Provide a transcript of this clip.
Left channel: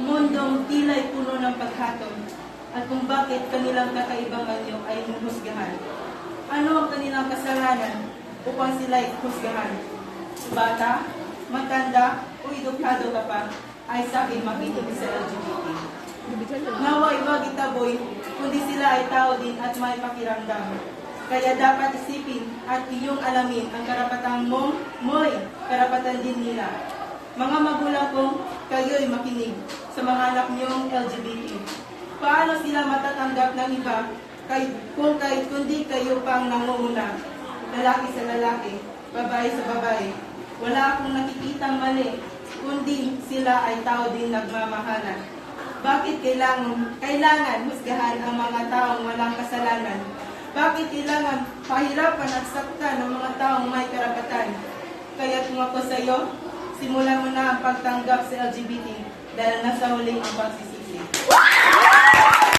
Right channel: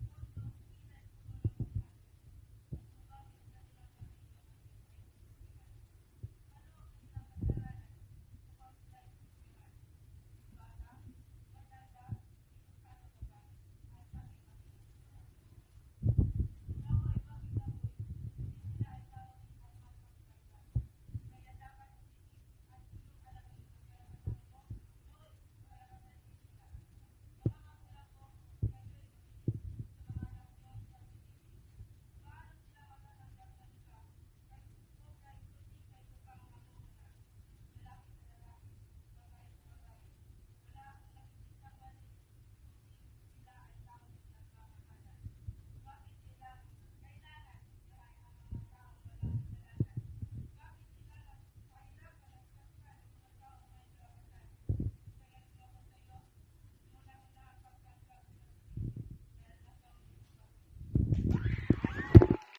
Mundong tila'y puno ng paghatol, at kung bakit kanilang kakaibang anyo ay husgahan. Ano ang kanilang kasalanan upang sila'y husgahan? Bata, matanda, o edukado ka pa, ay sa akin makinig sa LGBT. Nawa iwag itaboy, kundi sila ay tao din at may pakiramdam. Kaya dapat isipin at iyong alamin ang karapatang mo'y karapatan din nila. Mga magulang kong kayo'y makinig sa mga anak niyong LGBT. Paano sila matatanggap ng iba kundi kayo pang nangunguna? Lalaki sa lalaki, babae sa babae. Wala akong nakikitang mali, kundi sila ay tao din nagmamahalan. Bakit kailangan husgahan ang mga taong walang kasalanan? Bakit kailangan pahirapan at saktan ng mga taong may karapatan? Kaya kung ako sa iyo, simulan mo na ang pagtanggap sa LGBT dahil nasa huling ang pagsisisi.